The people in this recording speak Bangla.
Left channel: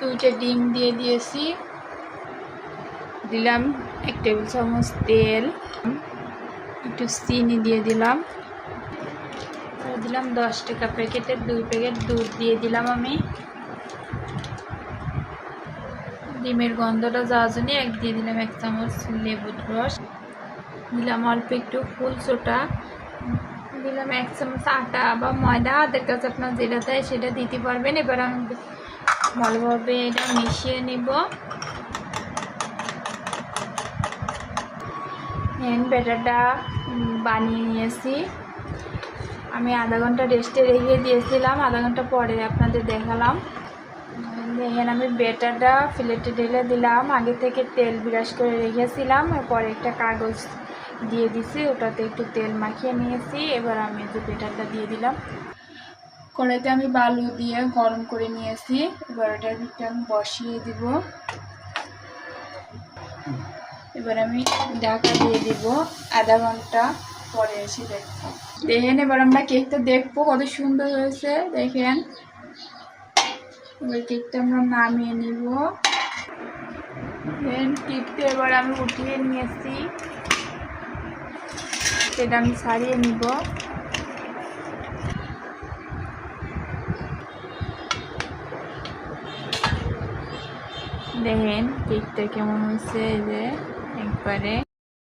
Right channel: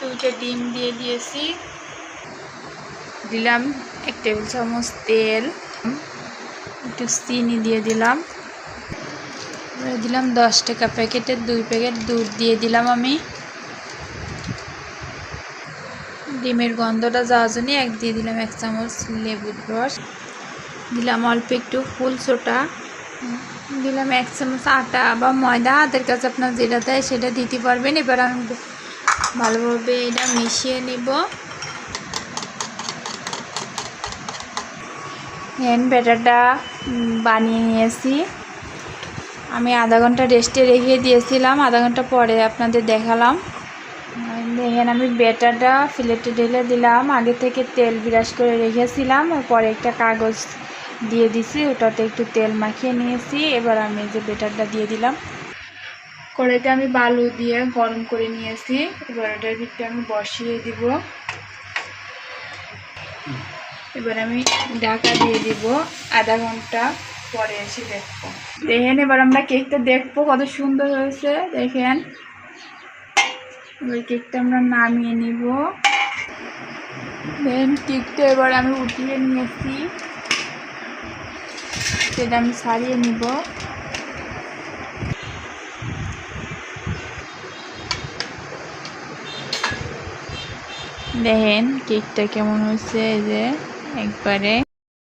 দুইটা ডিম দিয়ে দিয়েছি, দিলাম 1 টেবিল চামচ তেল, একটু চিনি দিয়ে দিলাম, দিলাম 10 টাকা প্যাকেটের 2 প্যাকেট দুধ দিয়ে দিলাম আমি। ডিমের গন্ধটা যাওয়ার জন্য দিয়ে দিলাম 1 চামচ লেবুর রস, দিলাম অল্প একটু ফুল সোডা, দিলাম 1 চামচ আটা বা ময়দা, হাতের কাছে আপনার যেটা দেয় সেটা দিতে পারবেন। এবার আমি ভালোভাবে এটা মিশিয়ে নেব। ব্যাটারটা বানিয়ে নিয়েছি আমি, আধা ঘন্টা রেস্টে রেখে দিয়েছিলাম, আধা ঘন্টা পরে আপনাদের দেখালাম। দেখেন আমি ব্যাটারটা প্লেটে ঢেলে দিলাম, আগে থেকে তেল ব্রাশ করে রেখেছিলাম, পরে একটা কাগজ দিয়ে দিছি, ওটাতে একটু তেল মাখিয়ে নিয়েছি। এবার আমি যে ব্যাটারটা দিয়ে দিলাম, কড়াইতে আমি বালু দিয়ে গরম করে নিয়েছি। এবার এটার ভিতরে আমি বসিয়ে দিব, এবার আমি ঢাকা দিয়ে দিব, আধা ঘন্টা পরে এসে দেখবো। দেখেন এবার আমরা কেকটা দেখবো কত সুন্দর হয়েছে। দেখেন এবার কেকটা আমরা নামিয়ে নিব। দেন কেকটা এবার আমি উঠিয়ে নিয়েছি, সেটা আমি ছাড়িয়ে নিব। দেখেন কেকটা কেমন হয়েছে, এই যে একবারে